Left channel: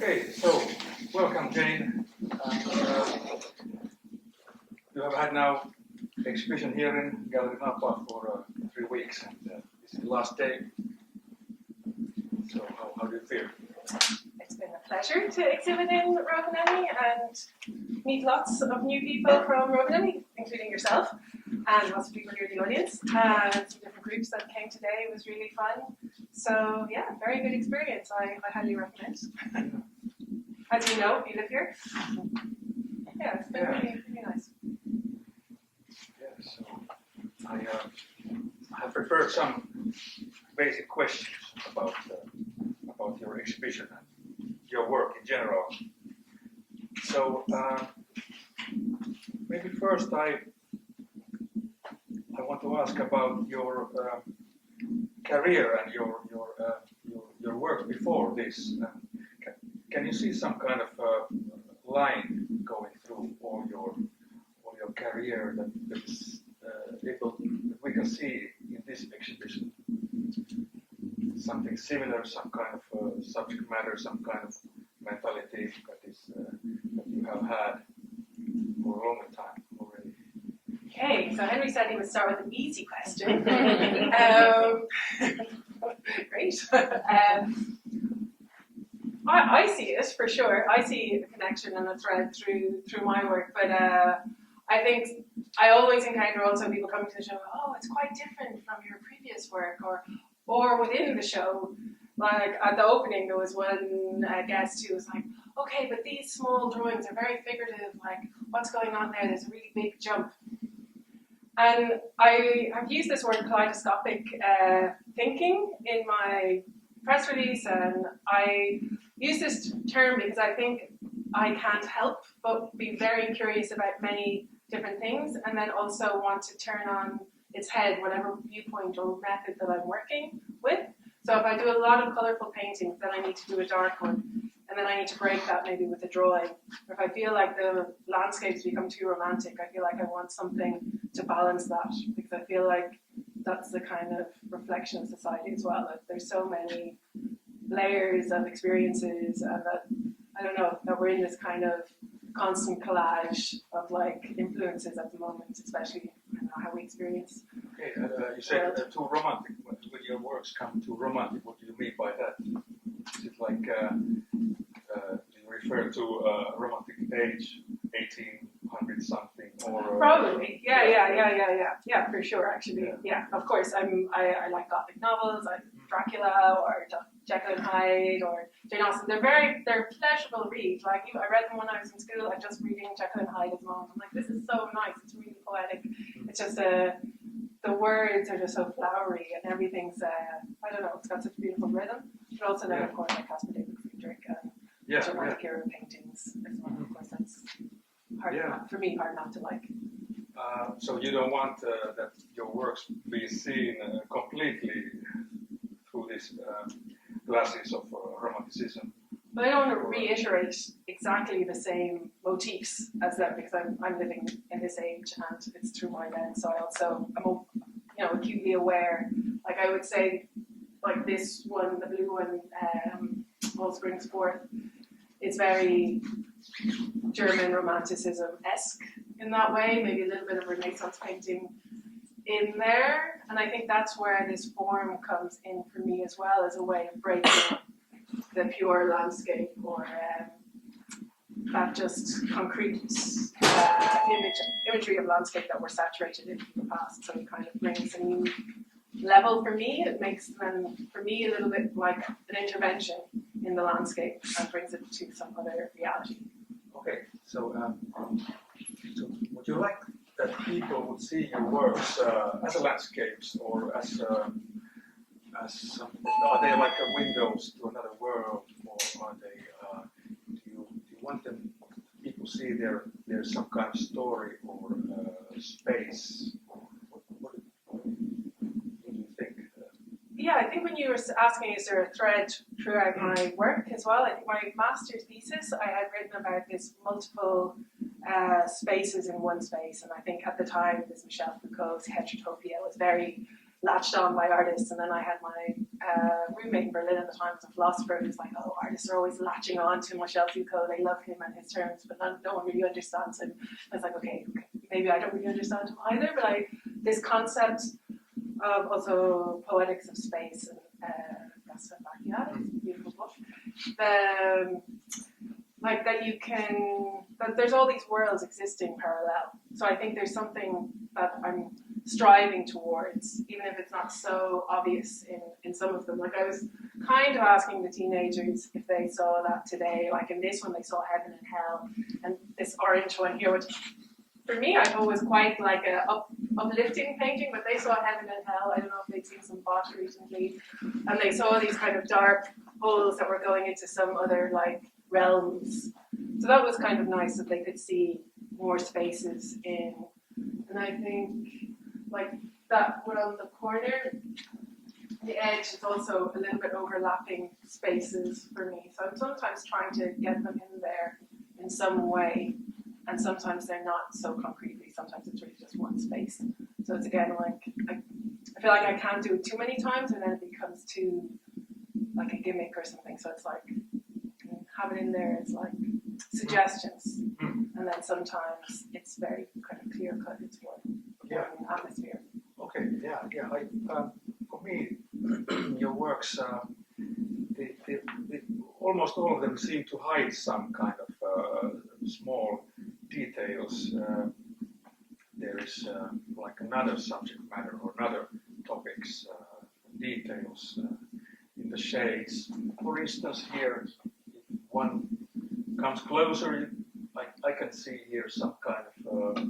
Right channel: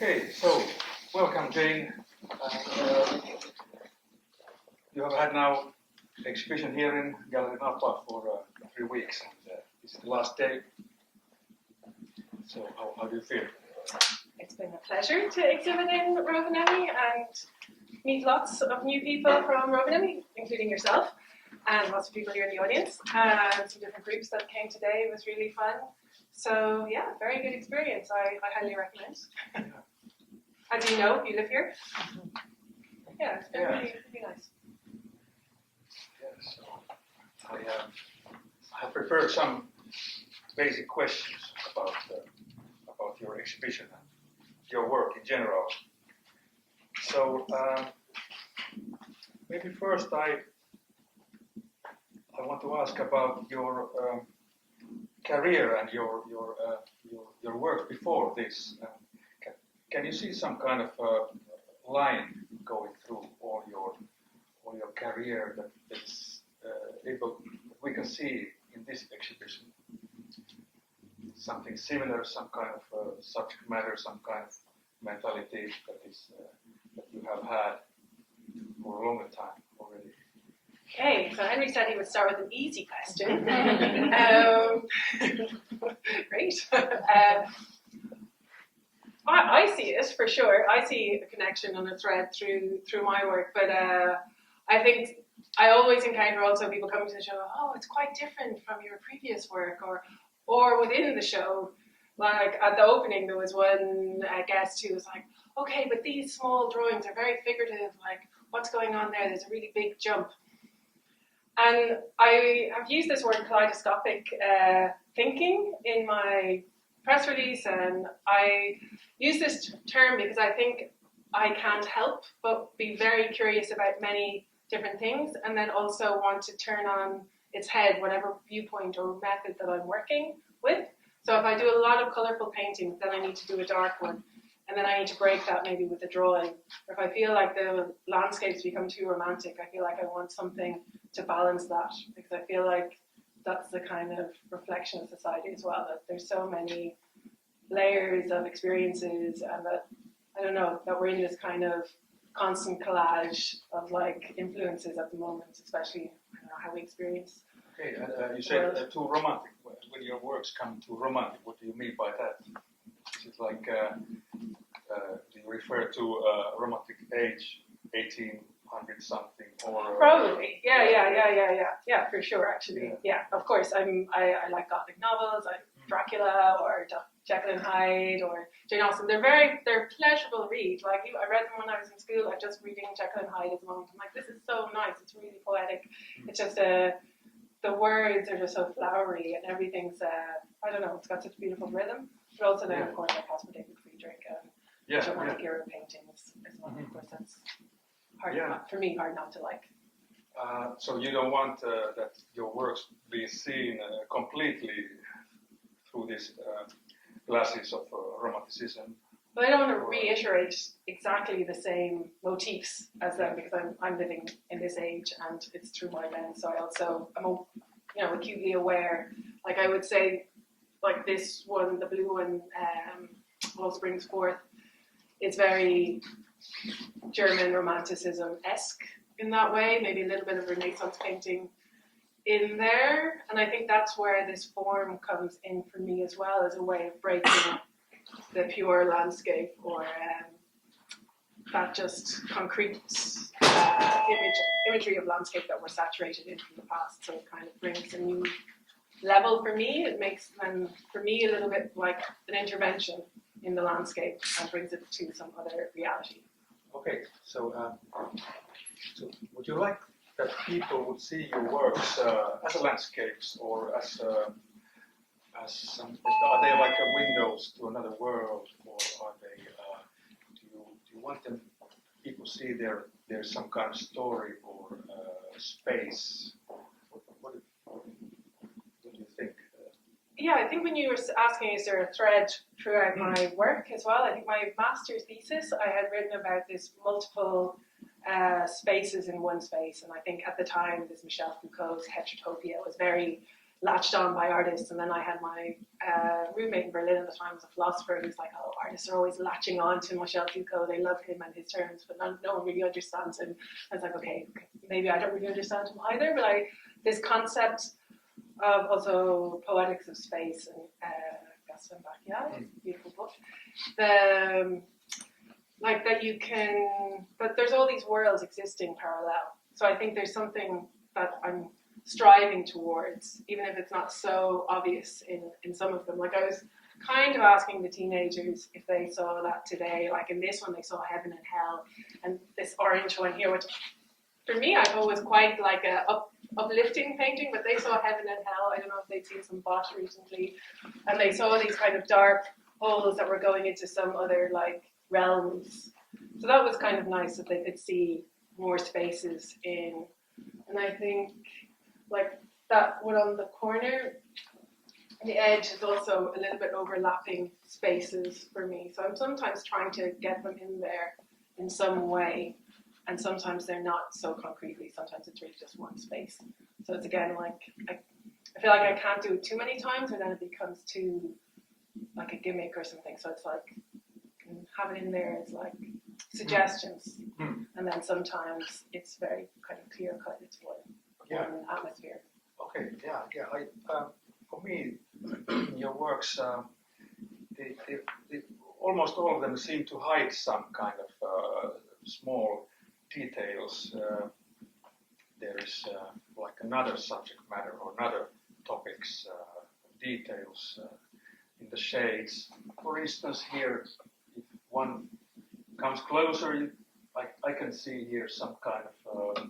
Okay, so welcome, Jane. You have had now exhibition here in Galleria Napa for 3 weeks, and this is the last day. So how do you feel? It's been a pleasure to exhibit in Rovaniemi and meet lots of new people from Rovaniemi, including yourself, and lots of people here in the audience, and some different groups that came today. It was really fun. So yeah, very good experience. I highly recommend. As you know, you live here. Yeah, it's been really nice. Yeah, so I have prepared some basic questions about your exhibition and your work in general. So maybe first I want to ask about your career and your work before this. Can you see some kind of line going through all your career that is we can see in this exhibition? Something similar, some kind of subject matter, some kind of mentality that you have had for a longer time already. Okay, so Henri said he would start with an easy question. Great. I see it for sure. I see a connection and a thread through my work, but I think I always encounter also people coming to the show. Oh, it's quite different from your previous work, or within the show. Like at the opening, there was one guest who was like, "Okay, but these small drawings are very figurative. Like, what's going on there? There's a really big jump." And I have used this word kaleidoscopic thinking in my press release, and I use this term because I think I can't help but be very curious about many different things, and then also want to turn on its head whatever viewpoint or method that I'm working with. So if I do a lot of colorful paintings, then I need to do a dark one, and then I need to break that maybe with a drawing. Or if I feel like the landscapes become too romantic, I feel like I want something to balance that, because I feel like that's the kind of reflection of society as well, that there's so many layers of experiences, and that, I don't know, that we're in this kind of constant collage of like influences at the moment, especially, I don't know, how we experience. Okay, and you said too romantic. When your works come too romantic, what do you mean by that? Is it like, do you refer to romantic age, 1800 something, or probably, yeah, for sure, actually, yeah. Of course, I like Gothic novels, like Dracula or Jekyll and Hyde or Jane Austen. They're pleasurable reads. Like, I read them when I was in school. I'm just reading Jekyll and Hyde at the moment. I'm like, this is so nice. It's really poetic. It's just the words are just so flowery, and everything's I don't know. It's got such a beautiful rhythm. But also then, of course, like Caspar David Friedrich and romantic era paintings as well. Of course, that's hard for me. Hard not to like. So you don't want that your works be seen completely through these glasses of romanticism. But I don't want to reiterate exactly the same motifs as them, because I'm living in this age and it's through my lens. So I also am acutely aware. Like I would say, like this one, the blue one, All Springs Forth, it's very German romanticism-esque in that way. Maybe a little bit of Renaissance painting in there, and I think that's where this form comes in for me as well, as a way of breaking the pure landscape, or that just concrete imagery of landscape that we're saturated in from the past. So it kind of brings a new level for me. It makes them, for me, a little bit like an intervention in the landscape and brings it to some other reality. Okay, so would you like that people would see your works as landscapes, or as some? Are they like windows to another world, or are they? Do you want them? People see there's some kind of story or space. What do you think? Yeah, I think when you were asking, is there a thread throughout my work as well? I think my master's thesis, I had written about this multiple spaces in one space, and I think at the time, this Michel Foucault's heterotopia was very latched on by artists. And then I had my roommate in Berlin at the time was a philosopher who's like, oh, artists are always latching on to Michel Foucault. They love him and his terms, but no one really understands him. I was like, okay, maybe I don't really understand him either, but this concept of also poetics of space and beautiful book. Like that you can, that there's all these worlds existing parallel. So I think there's something that I'm striving towards, even if it's not so obvious in some of them. Like I was kind of asking the teenagers if they saw that today. Like in this one, they saw heaven and hell, and this orange one here, which for me I thought was quite like a uplifting painting, but they saw heaven and hell. I don't know if they'd seen some bot recently, and they saw these kind of dark holes that were going into some other like realms. So that was kind of nice that they could see more spaces in. And I think like that one on the corner, the edge is also a little bit overlapping spaces for me. So I'm sometimes trying to get them in there in some way, and sometimes they're not so concretely. Sometimes it's really just one space. So it's again like I feel like I can't do it too many times, and then it becomes too like a gimmick or something. So it's like have it in there. It's like suggestions, and then sometimes it's very kind of clear cut. It's one atmosphere. Okay, yeah. For me, your works, almost all of them seem to hide some kind of small details. There is like another subject matter or another topics, details in the shades. For instance, here, if one comes closer, I can see here some kind of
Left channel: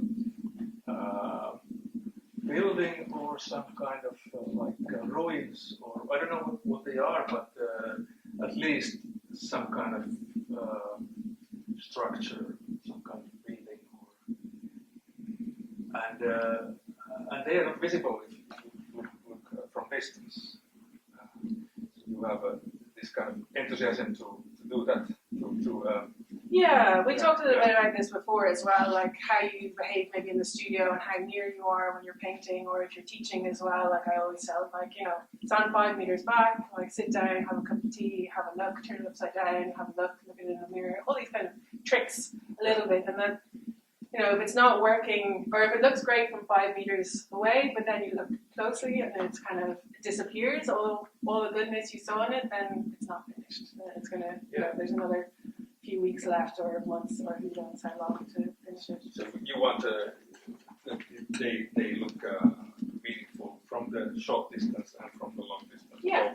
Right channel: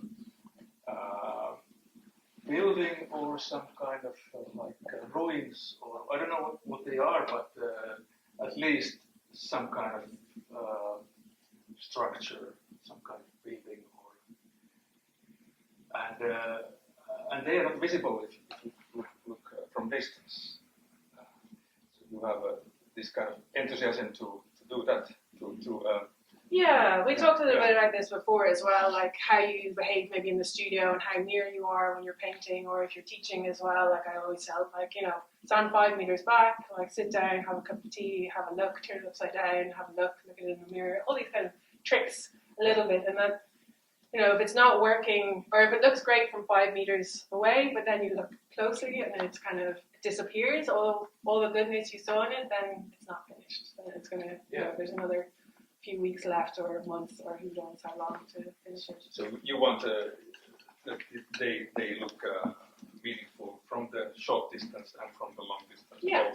building or some kind of ruins, or I don't know what they are, but at least some kind of structure, some kind of building, and they are not visible if you look from distance. You have this kind of enthusiasm to do that. We talked a little bit about this before as well, like how you behave maybe in the studio and how near you are when you're painting, or if you're teaching as well. Like I always felt like, stand 5 meters back, like sit down, have a cup of tea, have a look, turn it upside down, have a look at it in the mirror, all these kind of tricks a little bit. And then, if it's not working, or if it looks great from 5 meters away, but then you look closely and it's kind of disappears, all the goodness you saw in it, then it's not finished. Then it's going to, there's another few weeks left, or months, or who knows how long to finish it. So you want they look meaningful from the short distance and from the long distance. Yeah,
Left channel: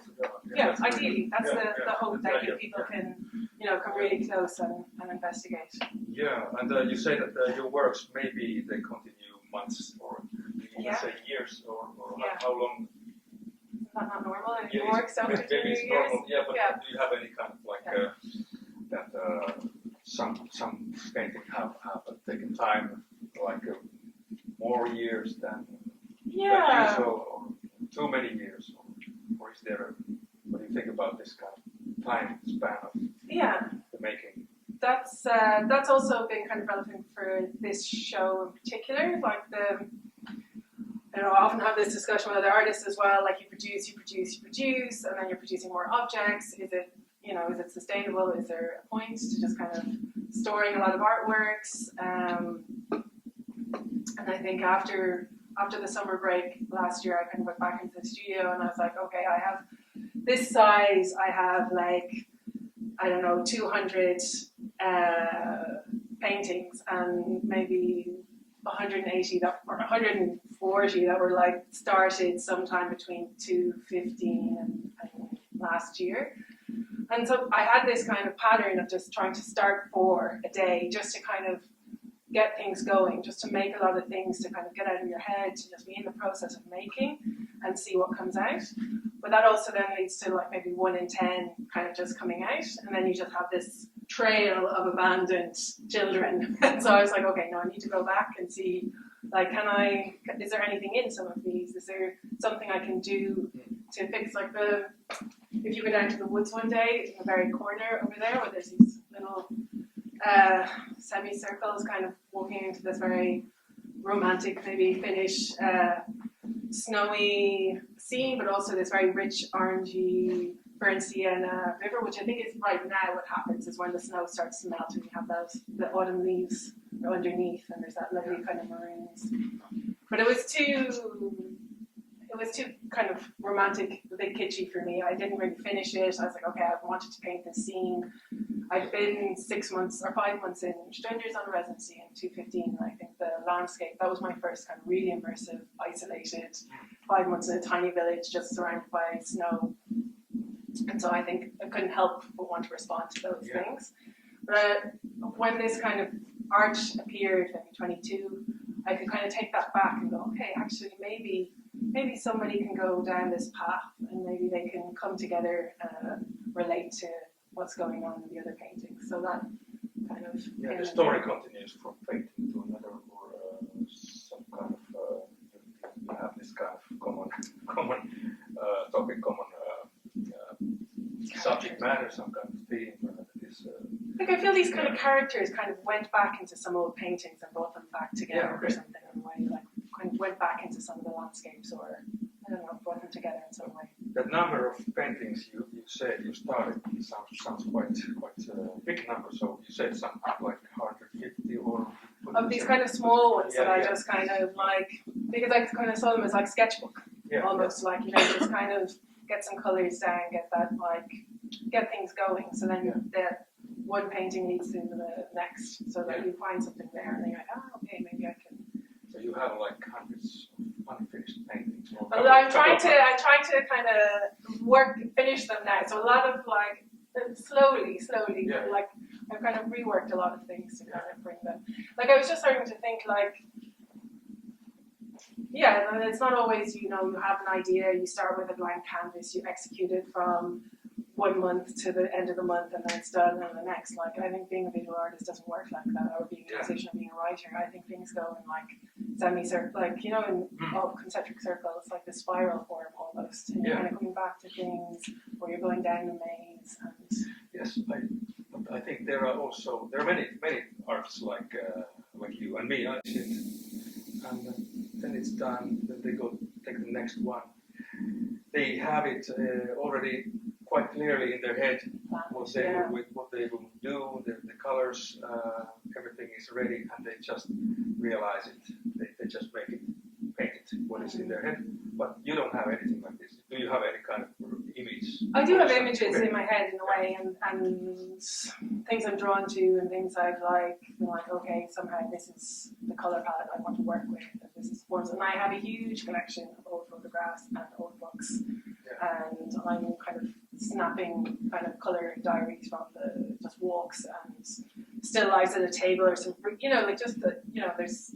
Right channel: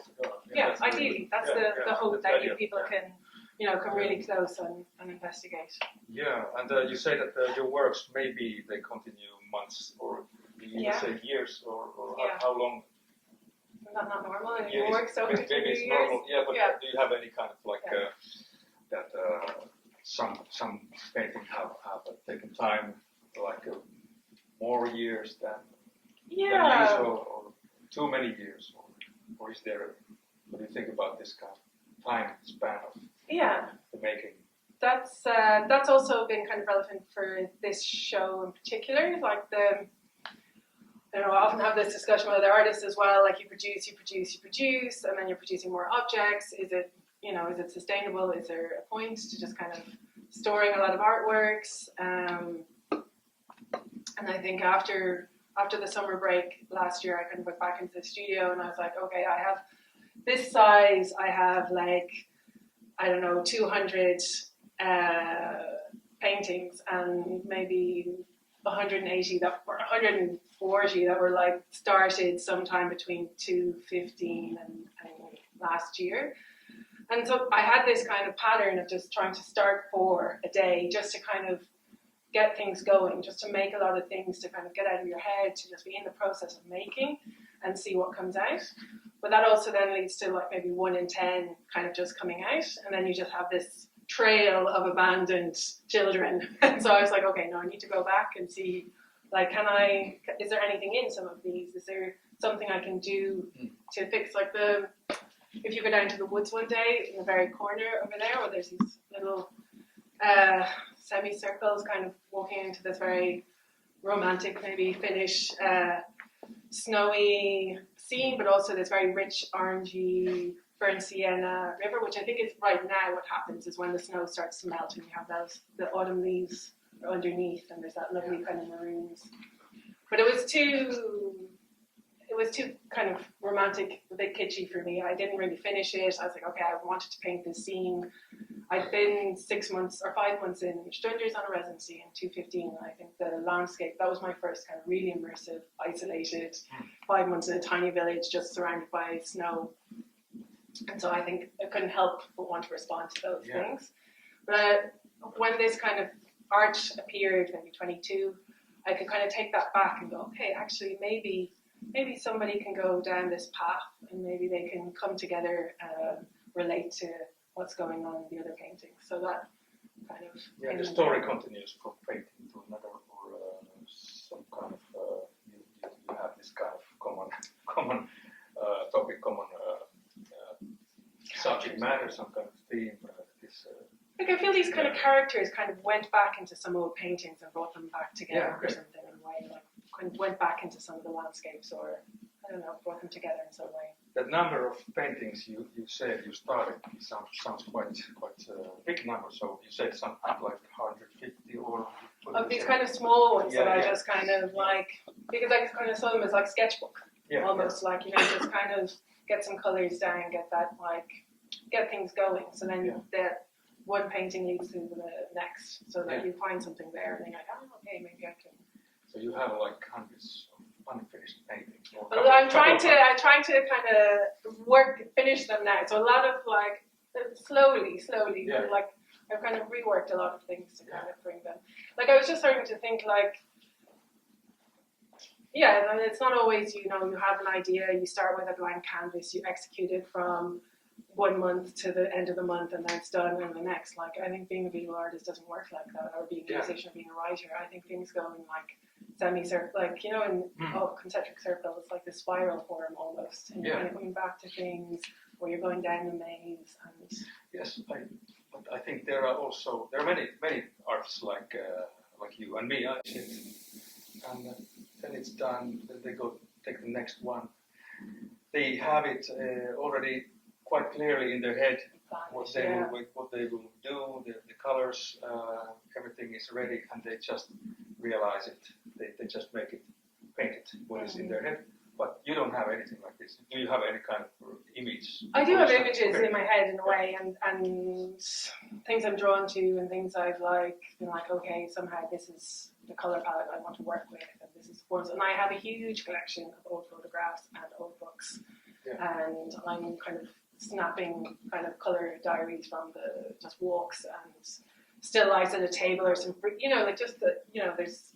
that's ideally, really, that's the hope that people can, come really close and investigate. Yeah, and you say that your works maybe they continue months or you say years or how long? Not normal anymore. So maybe it's normal. Yeah, but do you have any kind of that some painting have taken time, like more years than usual, or too many years, or is there what do you think about this kind of time span of the making? That's also been kind of relevant for this show in particular. Like I often have this discussion with other artists as well. Like you produce, and then you're producing more objects. Is it sustainable? Is there a point to just kind of storing a lot of artworks? And I think after the summer break last year, I kind of went back into the studio and I was like, okay, I have this size. I have 200 paintings and maybe 180 or 140 that were started sometime between 2015 and last year. And so I had this kind of pattern of just trying to start for a day, just to kind of get things going, just to make a lot of things, to kind of get out of your head, to just be in the process of making and see what comes out. But that also then leads to maybe 1 in 10 kind of just coming out, and then you just have this trail of abandoned children. And so I was like, okay, no, I need to go back and see, is there anything in some of these? Is there something I can do to fix if you go down to the woods one day, in the very corner over there, where there's these little semicircles kind of walking into this very romantic, maybe Finnish snowy scene, but also this very rich orangey burnt sienna river, which I think is right now what happens is when the snow starts to melt and you have the autumn leaves underneath and there's that lovely kind of maroons. But it was too kind of romantic, a bit kitschy for me. I didn't really finish it. I was like, okay, I wanted to paint this scene. I'd been 6 months or 5 months in Strangers on a residency in 2015. And I think the landscape, that was my first kind of really immersive, isolated 5 months in a tiny village just surrounded by snow. And so I think I couldn't help but want to respond to those things. But when this kind of art appeared, maybe 22, I could kind of take that back and go, okay, actually maybe somebody can go down this path and maybe they can come together and relate to what's going on in the other paintings. So that kind of... Yeah, the story continues from painting to another, or some kind of, you have this kind of common topic, common subject matter, some kind of theme. Like I feel these kind of characters kind of went back into some old paintings and brought them back together or something in a way, like went back into some of the landscapes, or I don't know, brought them together in some way. That number of paintings you said you started sounds quite big number. So you said something like 150 or of these kind of small ones that I just kind of like, because I kind of saw them as like sketchbook, almost like, you know, just kind of get some colors down, get that like get things going. So then the one painting leads to the next, so that you find something there, and then you're like, oh, okay, maybe I can. So you have like hundreds of unfinished paintings. Well, I'm trying to kind of finish them now. So a lot of like slowly, like I've kind of reworked a lot of things to kind of bring them. Like I was just starting to think like, and it's not always, you know, you have an idea, you start with a blank canvas, you execute it from 1 month to the end of the month, and then it's done and the next. Like I think being a visual artist doesn't work like that, or being a musician, or being a writer. I think things go in like semi-circle, like, you know, in concentric circles, like the spiral form almost, and you're kind of coming back to things, or you're going down the maze. And yes, I think there are many artists like you and me. And then it's done. Then they go take the next one. They have it already quite clearly in their head what they will do, the colors, everything is ready, and they just realize it. They just make it, paint it, what is in their head. But you don't have anything like this. Do you have any kind of image? I do have images in my head in a way, and things I'm drawn to, and things I've like been like, okay, somehow this is the color palette I want to work with, and this is forms. And I have a huge collection of old photographs and old books, and I'm kind of snapping kind of color diaries from the just walks and still lives at a table, or some, you know, like just the, you know, there's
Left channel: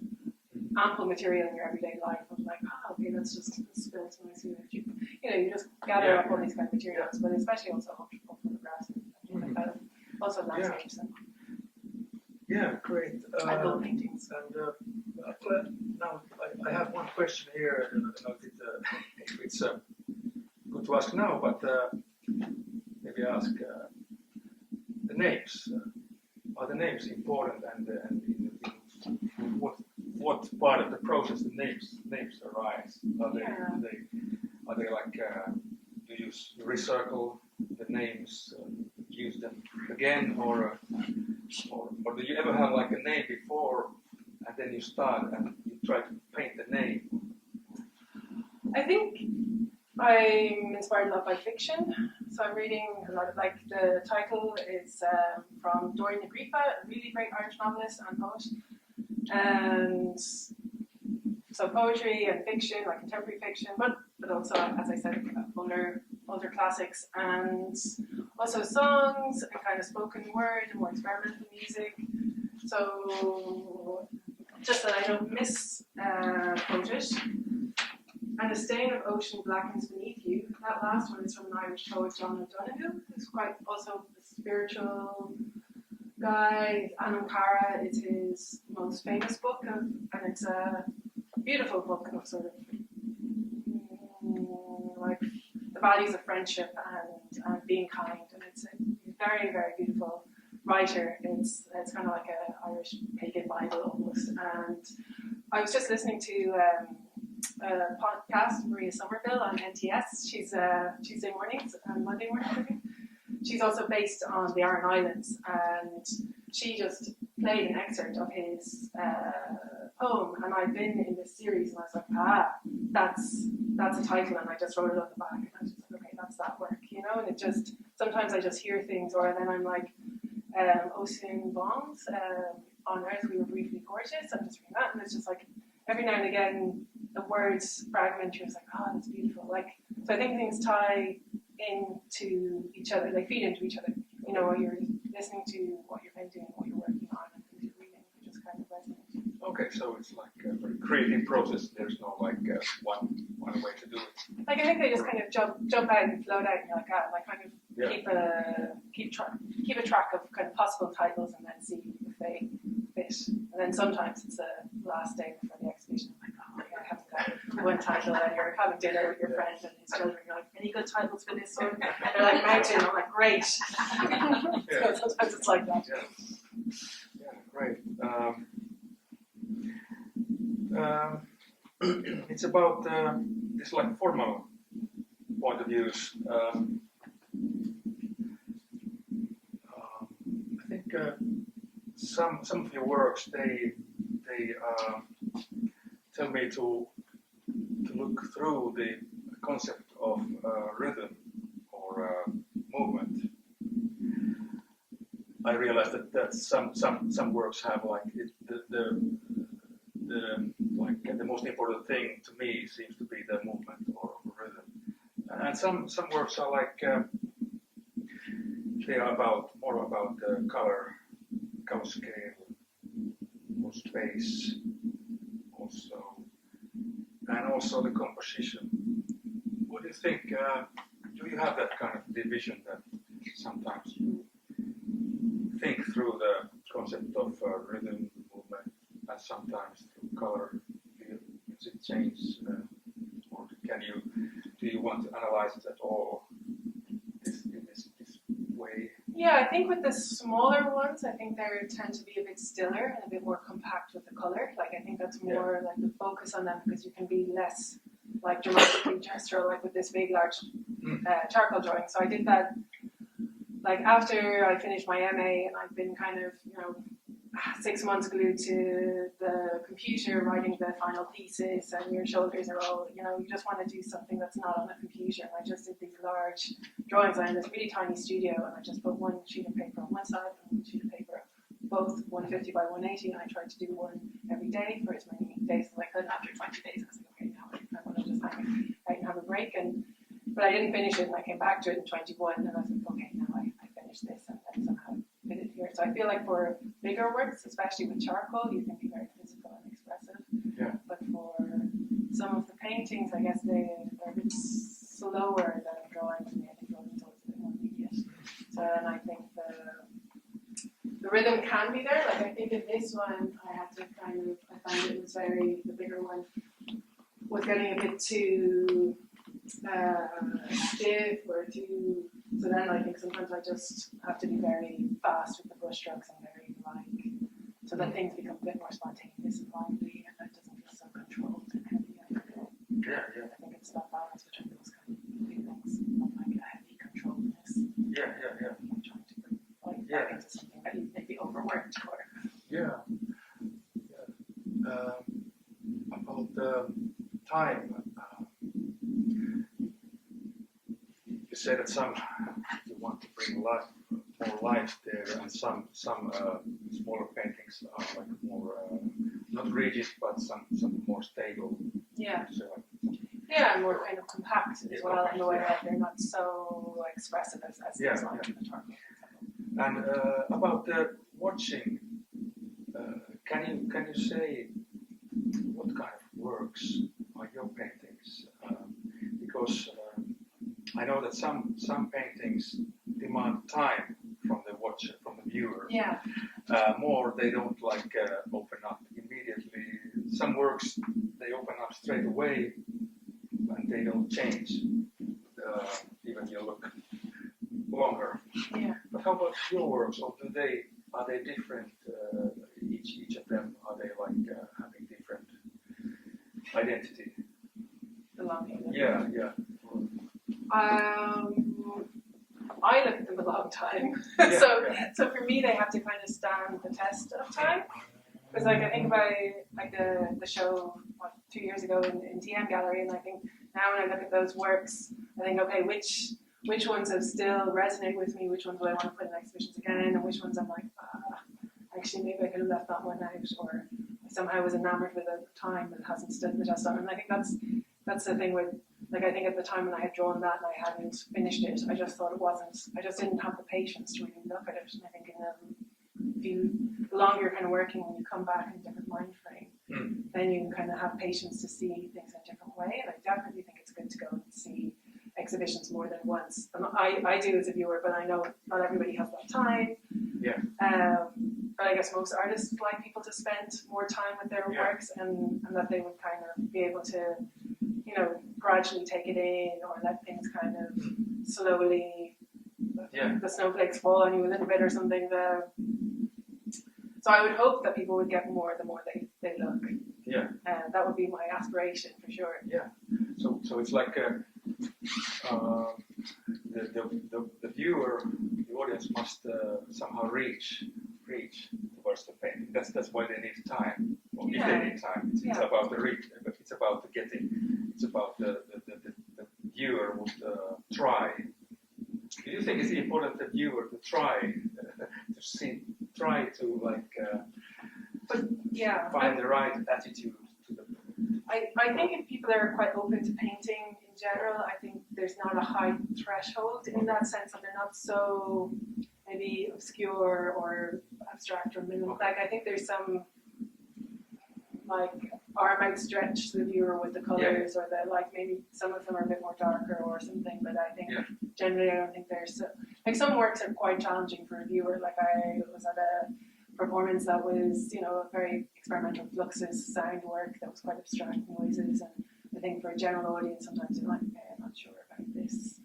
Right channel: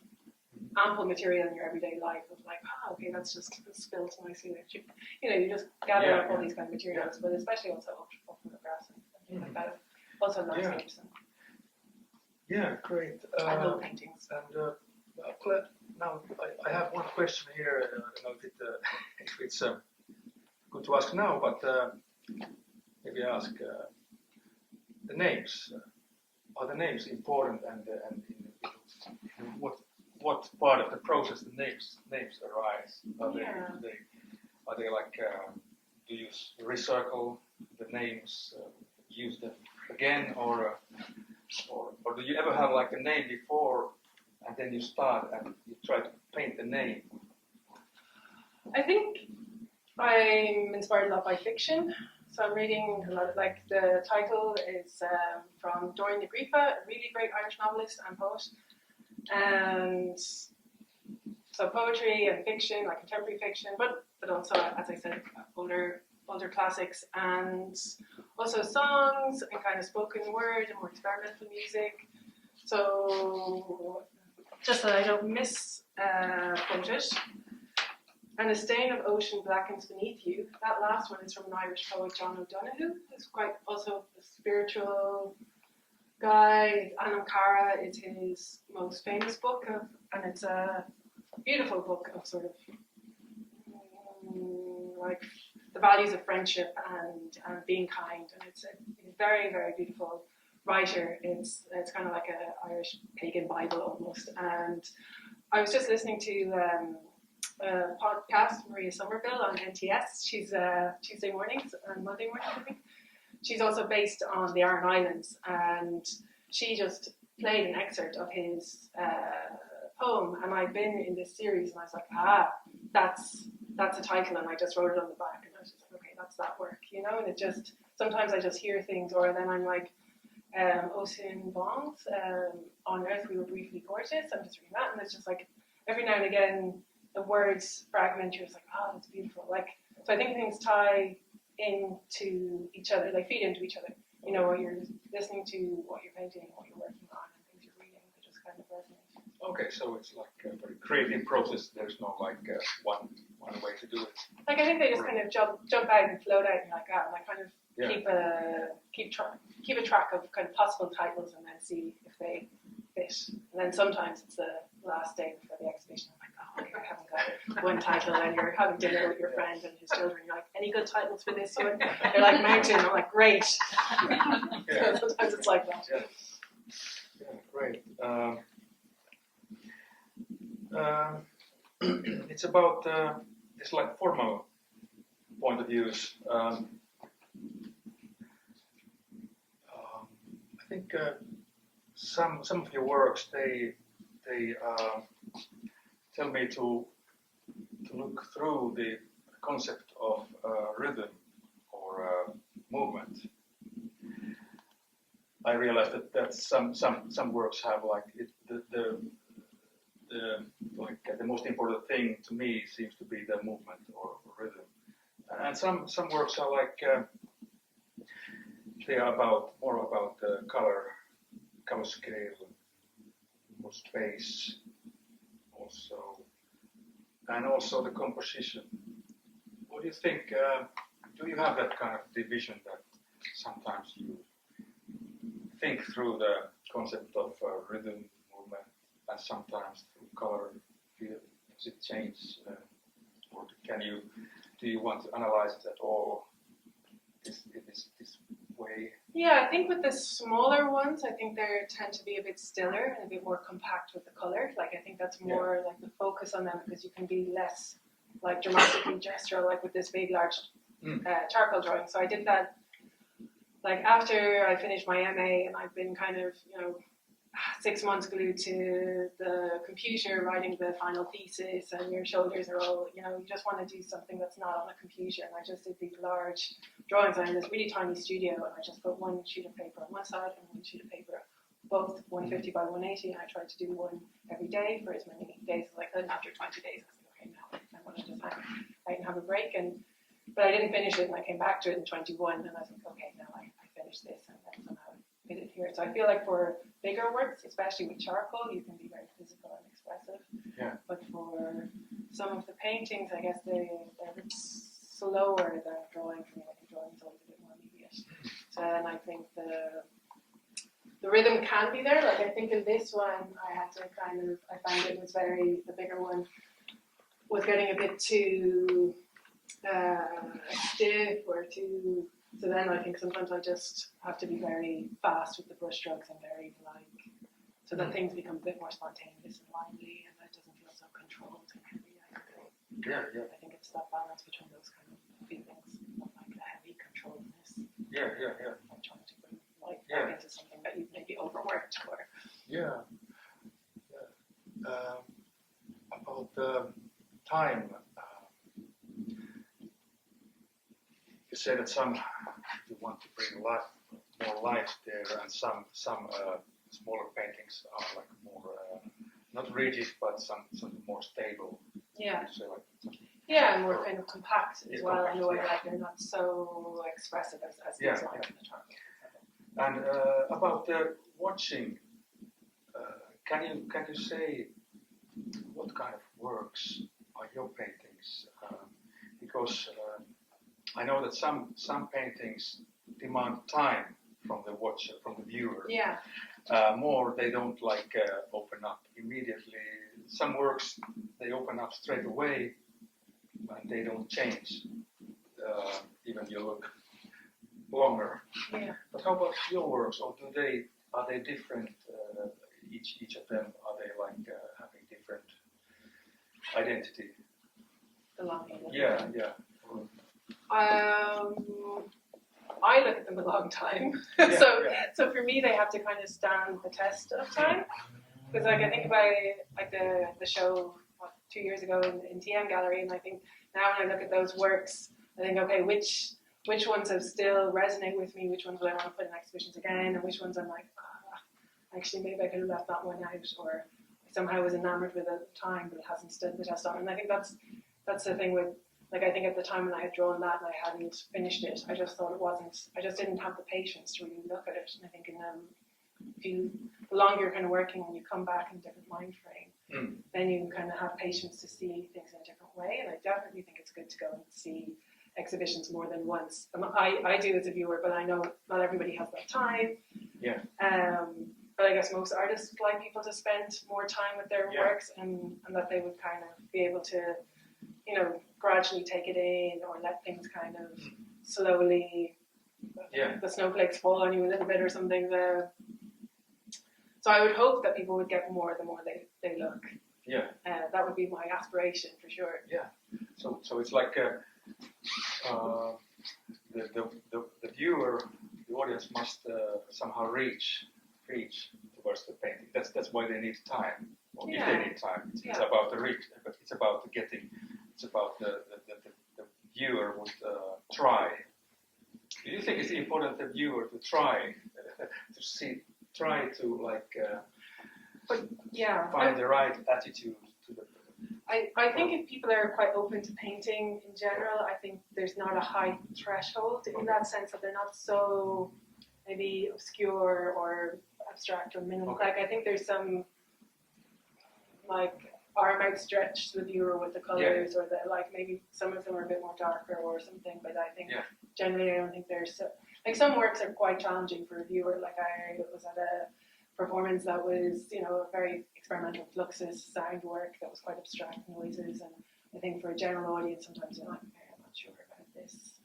ample material in your everyday life of like, okay, that's just spilled nicely. You know, you just gather up all these kind of materials, but especially also old photographs and things like that. Also landscapes. And great. I love paintings. And now I have one question here. I don't know if it's good to ask now, but maybe ask the names. Are the names important, and in what part of the process the names arise? Are they like do you recircle the names, use them again, or do you ever have like a name before and then you start and you try to paint the name? I think I'm inspired a lot by fiction, so I'm reading a lot of, like, the title is from Dorian Agrippa, a really great Irish novelist and poet. And so poetry and fiction, like contemporary fiction, but also, as I said, older classics, and also songs and kind of spoken word and more experimental music. So just that I don't misquote it. And a stain of ocean blackens beneath you. That last one is from an Irish poet, John O'Donoghue, who's quite also a spiritual guy. Anam Cara is his most famous book, and it's a beautiful book of sort of like the values of friendship and being kind. And it's a very, very beautiful writer. It's kind of like an Irish pagan Bible almost. And I was just listening to podcast, Maria Somerville on NTS. She's Tuesday mornings and Monday mornings, I think. She's also based on the Aran Islands, and she just played an excerpt of his poem, and I'd been in this series, and I was like, that's a title, and I just wrote it on the back, and I was just like, okay, that's that work, you know. And it just, sometimes I just hear things, or then I'm like, Ocean Bonds, on Earth We Were Briefly Gorgeous. I'm just reading that, and it's just like every now and again the words fragment. You're just like, oh, that's beautiful. Like, so I think things tie into each other. They feed into each other. You know, what you're listening to, what you're painting, what you're working on, and things you're reading. They just kind of resonate. Okay, so it's like a very creative process. There's no like one way to do it. Like, I think they just kind of jump out and float out, and you're like, and I kind of keep a track of kind of possible titles, and then see if they fit. And then sometimes it's the last day before the exhibition. I'm like, oh, okay, I haven't got one title, and you're having dinner with your friend and his children. You're like, any good titles for this one? They're like, mountain. I'm like, great. So sometimes it's like that. Yeah, great. It's about this like formal point of views. I think some of your works they tell me to look through the concept of rhythm or movement. I realize that some works have like the most important thing to me seems to be the movement or rhythm, and some works are like they are more about color scale, or space, also the composition. What do you think? Do you have that kind of division that sometimes you think through the concept of rhythm, movement, and sometimes through color? Does it change, or do you want to analyze it at all this way? Yeah, I think with the smaller ones, I think they tend to be a bit stiller and a bit more compact with the color. Like, I think that's more like the focus on them, because you can be less like dramatically gestural, like with this big, large charcoal drawing. So I did that like after I finished my MA, and I've been kind of, 6 months glued to the computer writing the final thesis, and your shoulders are all, you just want to do something that's not on a computer. And I just did these large drawings. I had this really tiny studio, and I just put one sheet of paper on one side and one sheet of paper, both 150 by 180, and I tried to do one every day for as many days as I could. And after 20 days, I was like, okay, now I want to just hang out and have a break. But I didn't finish it, and I came back to it in 21, and I was like, okay, now I finished this, and then somehow fit it here. So I feel like for bigger works, especially with charcoal, you can be very physical and expressive. Yeah. But for some of the paintings, I guess they're a bit slower than drawing for me. I think drawing is always a bit more immediate. So, and I think the rhythm can be there. Like, I think in this one, I found it was the bigger one was getting a bit too stiff or too. So then I think sometimes I just have to be very fast with the brush strokes and very so that things become a bit more spontaneous and lively, and that doesn't feel so controlled and heavy. I think it's that balance between those kind of feelings of like a heavy controlledness. I'm trying to bring life back into something that you maybe overworked or. About the time. You say that you want to bring more life there, and some smaller paintings are like more not rigid, but some more stable. Yeah. So And more kind of compact as well, in a way that they're not so expressive as these lines in the charcoal. And about the watching, can you say what kind of works are your paintings? Because I know that some paintings demand time from the watcher, from the viewer. Yeah. More, they don't open up immediately. Some works, they open up straight away, and they don't change. Even you look longer. Yeah. But how about your works? Or are they different? Each of them, are they having different identity? long are you looking Yeah, at? yeah. I look at them a long time. Yeah, so yeah. so for me, they have to kind of stand the test of time. Because like I think about like the show 2 years ago in TM Gallery, and I think now when I look at those works, I think okay, which ones have still resonate with me, which ones do I want to put in exhibitions again, and which ones I'm like, actually maybe I could have left that one out, or I somehow was enamored with it at the time, but it hasn't stood the test of time. And I think that's the thing with, like I think at the time when I had drawn that and I hadn't finished it, I just thought I just didn't have the patience to really look at it. And I think the longer you're kind of working, when you come back in a different mind frame, then you kind of have patience to see things in a different way. And I definitely think it's good to go and see exhibitions more than once. And I do as a viewer, but I know not everybody has that time. Yeah. But I guess most artists like people to spend more time with their works, and that they would kind of be able to, gradually take it in, or let things kind of slowly, the snowflakes fall on you a little bit or something. So I would hope that people would get more the more they look. Yeah. That would be my aspiration for sure. Yeah. So it's like the viewer, the audience must somehow reach towards the painting. That's why they need time. Or if they need time, it's about the reach. It's about the getting. It's about the viewer would try. Do you think it's important the viewer to try find the right attitude to the? I think if people are quite open to painting in general, I think there's not a high threshold in that sense that they're not so maybe obscure or abstract or minimal. Okay. Like I think there's some like arm outstretched to the viewer with the colors, or the like maybe some of them are a bit more darker or something. But I think generally I don't think there's like some works are quite challenging for a viewer. Like I was at a performance that was, a very experimental fluxus sound work that was quite abstract noises, and I think for a general audience sometimes you're like, okay, I'm not sure about this.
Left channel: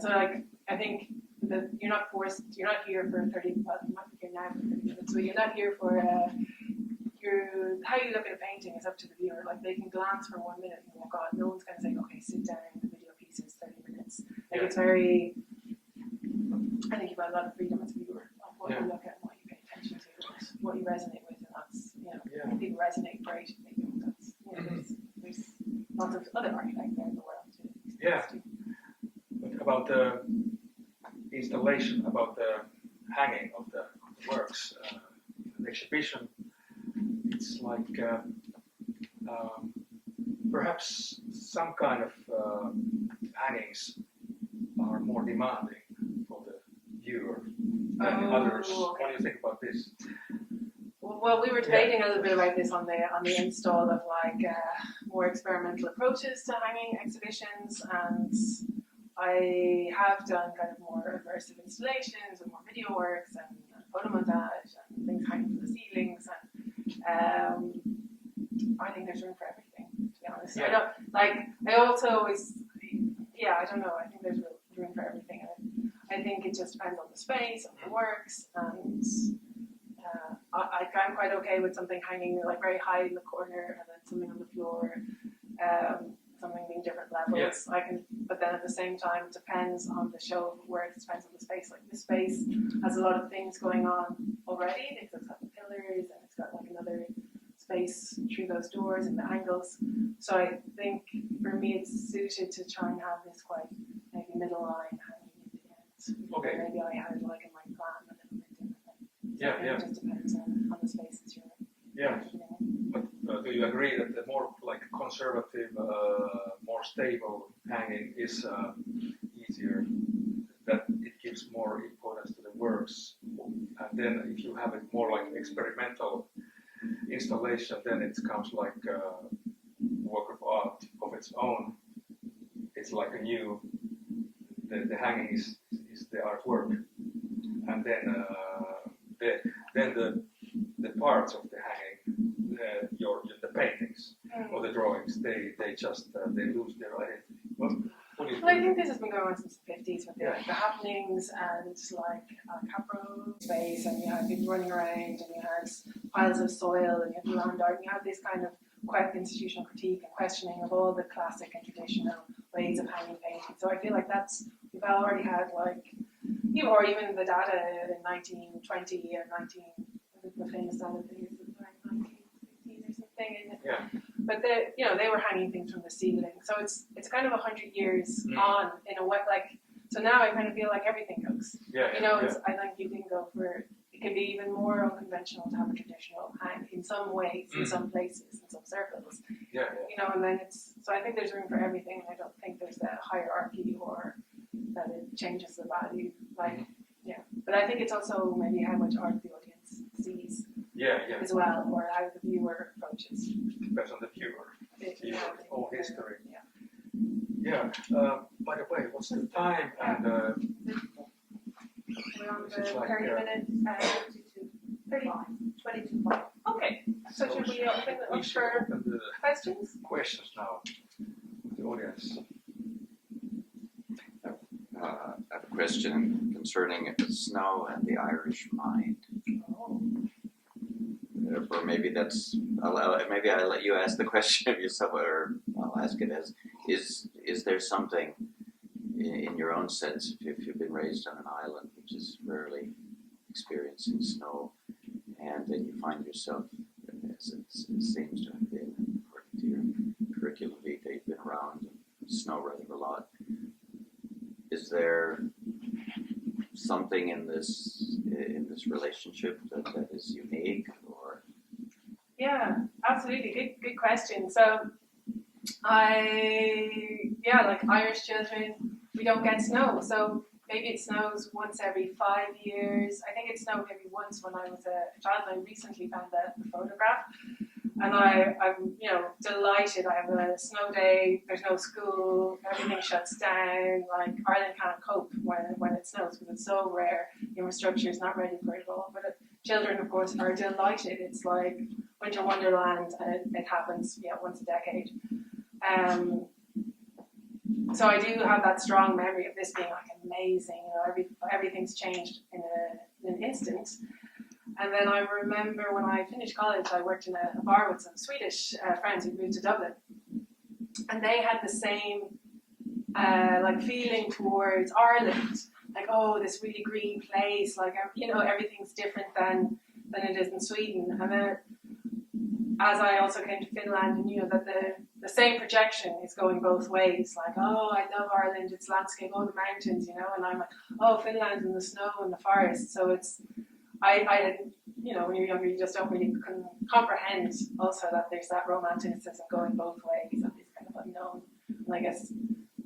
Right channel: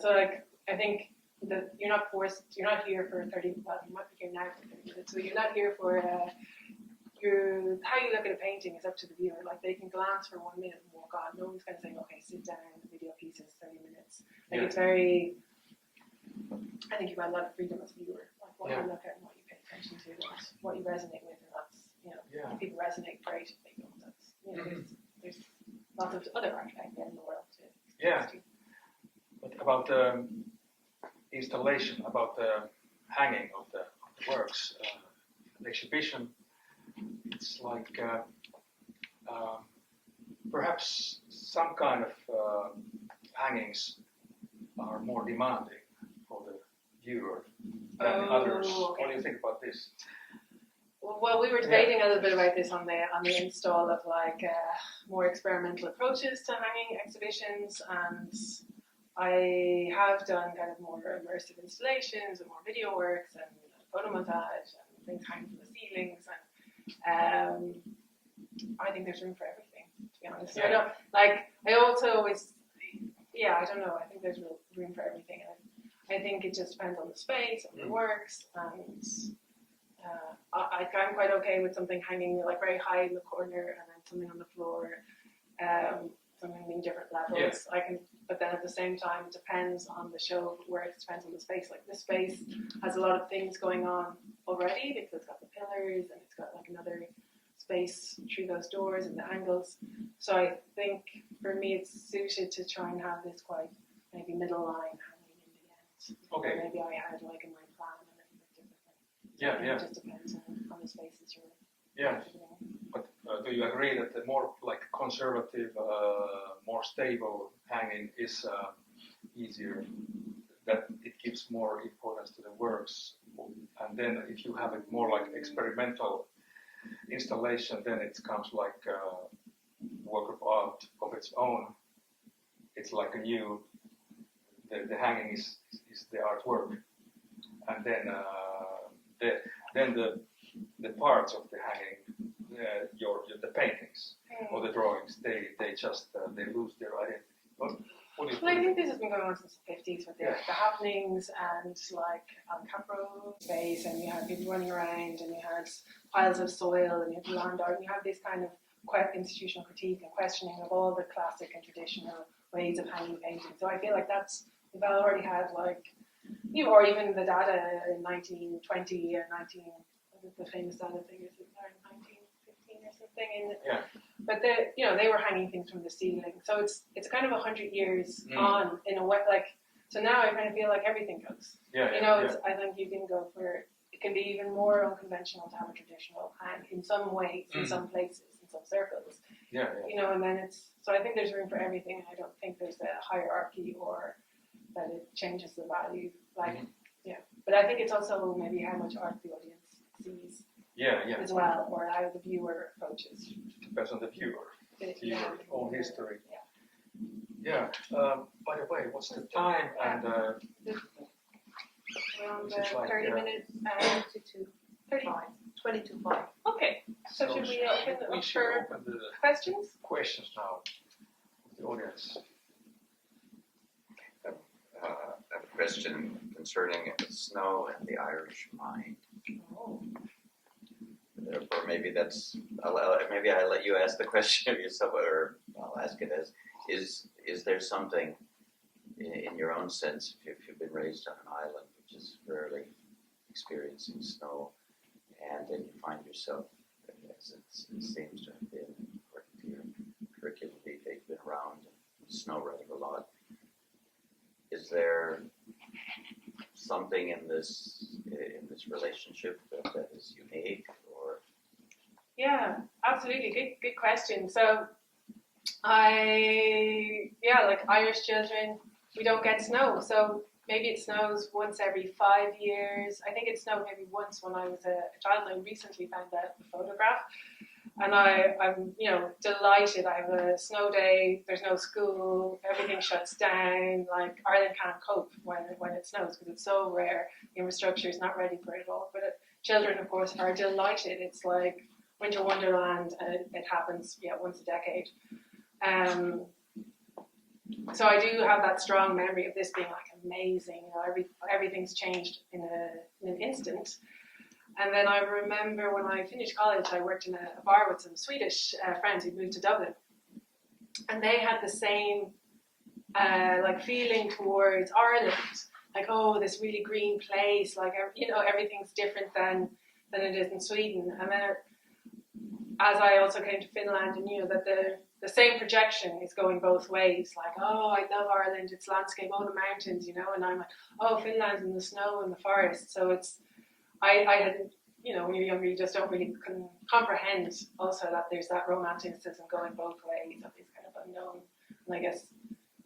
So like I think that you're not here for 30, well you might be here now for 30 minutes, but you're not here for how you look at a painting is up to the viewer. Like they can glance for 1 minute and walk on. No one's going to say, okay, sit down, the video piece is 30 minutes. Like it's very, I think you've got a lot of freedom as a viewer, like what you look at and what you pay attention to and what you resonate with, and that's, if people resonate, great. If they don't, that's, there's lots of other art out there in the world to experience too. But about the installation, about the hanging of the works, the exhibition, it's like perhaps some kind of hangings are more demanding for the viewer than others. What do you think about this? Well, we were debating a little bit about this on the install of like more experimental approaches to hanging exhibitions, and I have done kind of more immersive installations and more video works and photo montage and things hanging from the ceilings, and I think there's room for everything, to be honest. I don't know. I think there's room for everything, and I think it just depends on the space, on the works, and I'm quite okay with something hanging like very high in the corner and then something on the floor, something being different levels. But then at the same time, it depends on the show of work, it depends on the space. Like this space has a lot of things going on already because it's got the pillars and it's got like another space through those doors and the angles. So I think for me it's suited to try and have this quite maybe middle line hanging in the end. Okay. Or maybe I had like in my plan a little bit differently. It just depends on the spaces you're But do you agree that the more like conservative, more stable hanging is easier, that it gives more importance to the works, and then if you have it more like experimental installation, then it comes like a work of art of its own. It's like a new, the hanging is the artwork, and then the parts of the hanging, the paintings or the drawings, they just they lose their identity. What do you think? I think this has been going on since the 50s with the happenings and like Capro space, and you had people running around, and you had piles of soil, and you had land art, and you had this kind of institutional critique and questioning of all the classic and traditional ways of hanging painting. So I feel like we've already had like, or even the data in 1920 and the famous data thing is around 1915 or something. But they were hanging things from the ceiling. So it's kind of 100 years on in a way, like, so now I kind of feel like everything goes. I think you can go for, it can be even more unconventional to have a traditional hang in some ways, in some places, in some circles. And then so I think there's room for everything, and I don't think there's a hierarchy or that it changes the value. But I think it's also maybe how much art the audience sees as well, or how the viewer approaches. Depends on the viewer, own history. By the way, what's the time? And we're on the 30 minutes. 22:05. Okay, so should we open it up for questions? Questions now, the audience. I have a question concerning snow and the Irish mind. Or maybe maybe I let you ask the question yourself, or I'll ask it as: Is there something in your own sense, if you've been raised on an island which is rarely experiencing snow, and then you find yourself, as it seems to have been, according to your curriculum vitae, you've been around snow rather a lot. Is there something in this relationship that is unique, or? Yeah, absolutely. Good question. So, like Irish children, we don't get snow. So maybe it snows once every 5 years. I think it snowed maybe once when I was a child. I recently found the photograph, and I'm delighted. I have a snow day. There's no school. Everything shuts down. Like Ireland can't cope when it snows because it's so rare. The infrastructure is not ready for it all. But children, of course, are delighted. It's like Winter Wonderland, and it happens once a decade. So I do have that strong memory of this being like amazing. Everything's changed in an instant. And then I remember when I finished college, I worked in a bar with some Swedish friends who'd moved to Dublin, and they had the same feeling towards Ireland, like, oh, this really green place, like everything's different than it is in Sweden. And then as I also came to Finland and knew that the same projection is going both ways, like, oh, I love Ireland, its landscape, oh, the mountains, and I'm like, oh, Finland and the snow and the forest. So it's, I had, when you're younger, you just don't really comprehend also that there's that romanticism going both ways of this kind of unknown. And I guess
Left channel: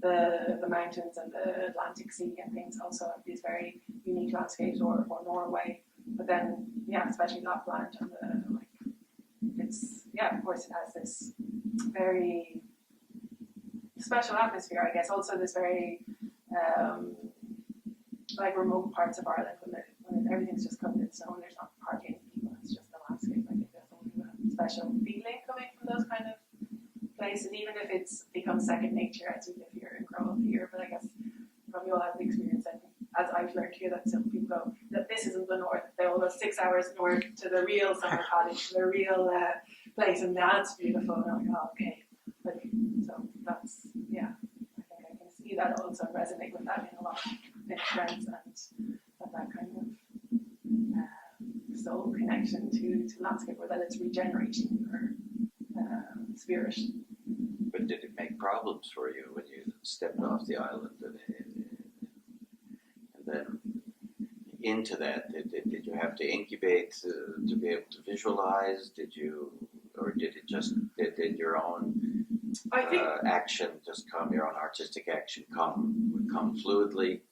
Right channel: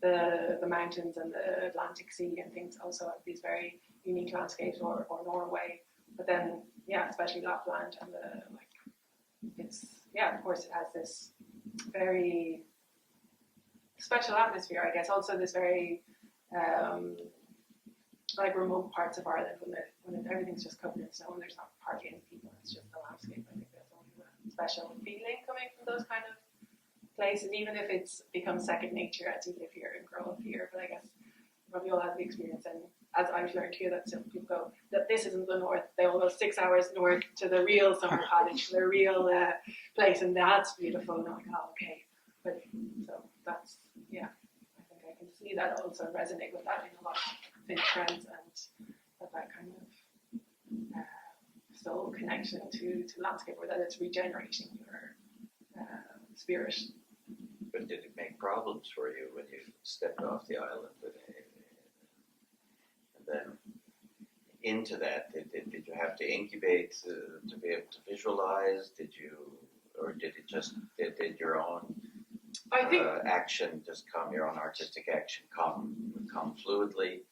the mountains and the Atlantic Sea and things also have these very unique landscapes, or Norway. But then, especially Lapland and of course it has this very special atmosphere, I guess. Also this very remote parts of Ireland when everything's just covered in snow and there's not hardly any people, it's just the landscape. I think there's always a special feeling coming from those kind of places, even if it's become second nature as you live here and grow up here. But I guess probably all have the experience, and as I've learned here, that some people go that this isn't the north. They will go 6 hours north to the real summer cottage, the real place, and that's beautiful. And I'm like, oh, okay. But so that's I think I can see that also resonate with that in a lot of Finnish friends, and that kind of soul connection to landscape, or that it's regenerating your spirit. But did it make problems for you when you stepped off the island and then into that? Did you have to incubate to be able to visualize? Did your own action just come? Your own artistic action come fluidly?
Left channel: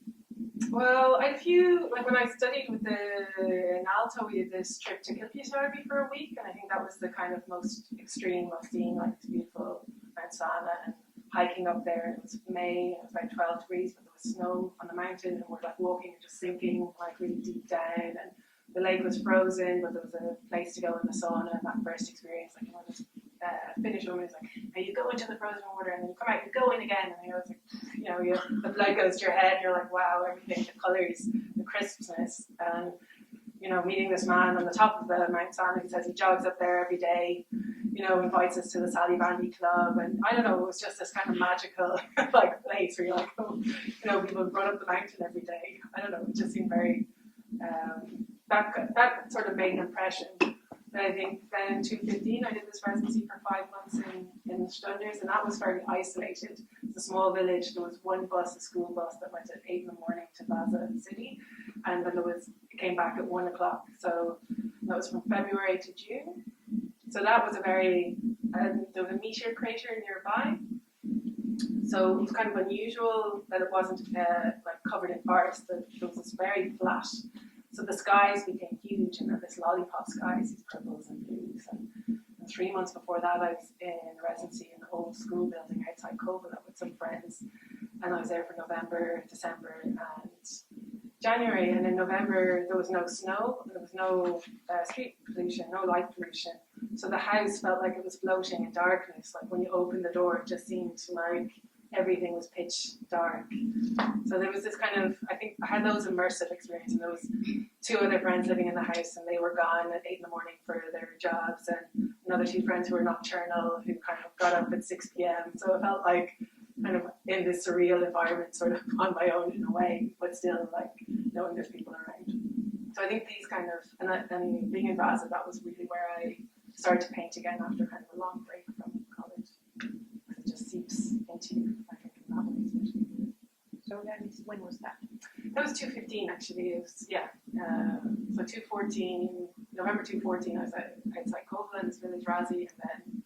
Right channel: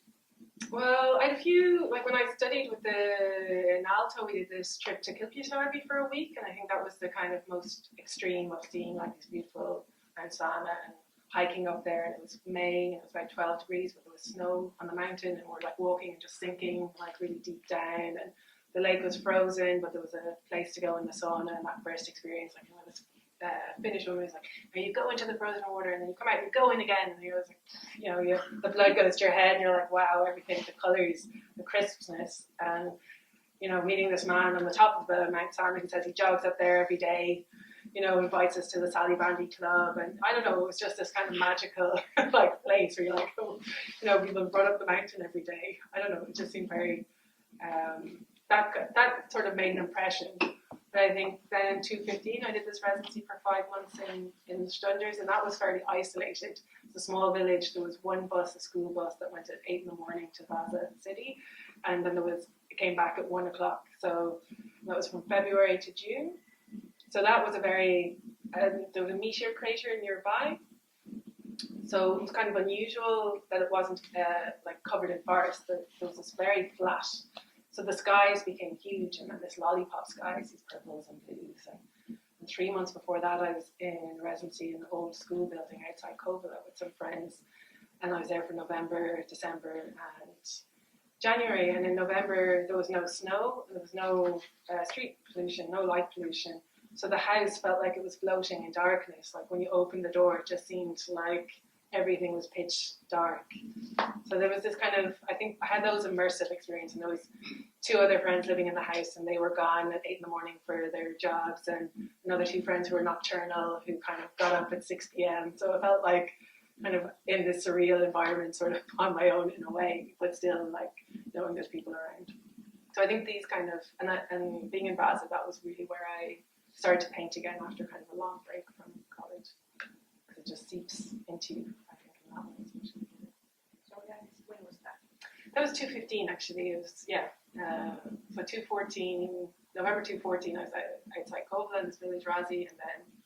Well, I had a few, when I studied in Aalto, we did this trip to Kilpisjärvi for a week, and I think that was the kind of most extreme of seeing these beautiful Mount Sana and hiking up there. And it was May, and it was about 12 degrees, but there was snow on the mountain, and we're walking and just sinking really deep down, and the lake was frozen, but there was a place to go in the sauna. And that first experience, this Finnish woman was like, you go into the frozen water and then you come out, you go in again, and you're like, the blood goes to your head, and you're like, wow, everything, the colors, the crispness. And meeting this man on the top of the Mount San, who says he jogs up there every day, invites us to the Sally Bandy Club, and I don't know, it was just this kind of magical like place where you're like, people run up the mountain every day. I don't know, it just seemed very, that sort of made an impression. And I think then in 2015 I did this residency for 5 months in Stunders, and that was fairly isolated. It's a small village. There was one bus, a school bus, that went at 8 in the morning to Vaasa city, and then it came back at 1 o'clock. So that was from February to June. So that was there was a meteor crater nearby. So it was kind of unusual that it wasn't like covered in forest. There was this very flat. So the skies became huge, and then this lollipop skies, these purples and blues. And 3 months before that, I was in residency in an old school building outside Kovala with some friends. And I was there for November, December, and January. And in November, there was no snow, there was no street pollution, no light pollution. So the house felt like it was floating in darkness. Like when you opened the door, it just seemed like everything was pitch dark. So there was this kind of, I think I had those immersive experience, and there was 2 other friends living in the house, and they were gone at 8 in the morning for their jobs, and another 2 friends who were nocturnal, who kind of got up at 6 p.m. So it felt like kind of in this surreal environment, sort of on my own in a way, but still like knowing there's people around. So I think these kind of, and being in Vaasa, that was really where I started to paint again after kind of a long break from college. Because it just seeps into you, I think, in that way especially. So when was that? That was 2015 actually. It was, so 2014, November 2014, I was outside Kovala in this village Razi, and then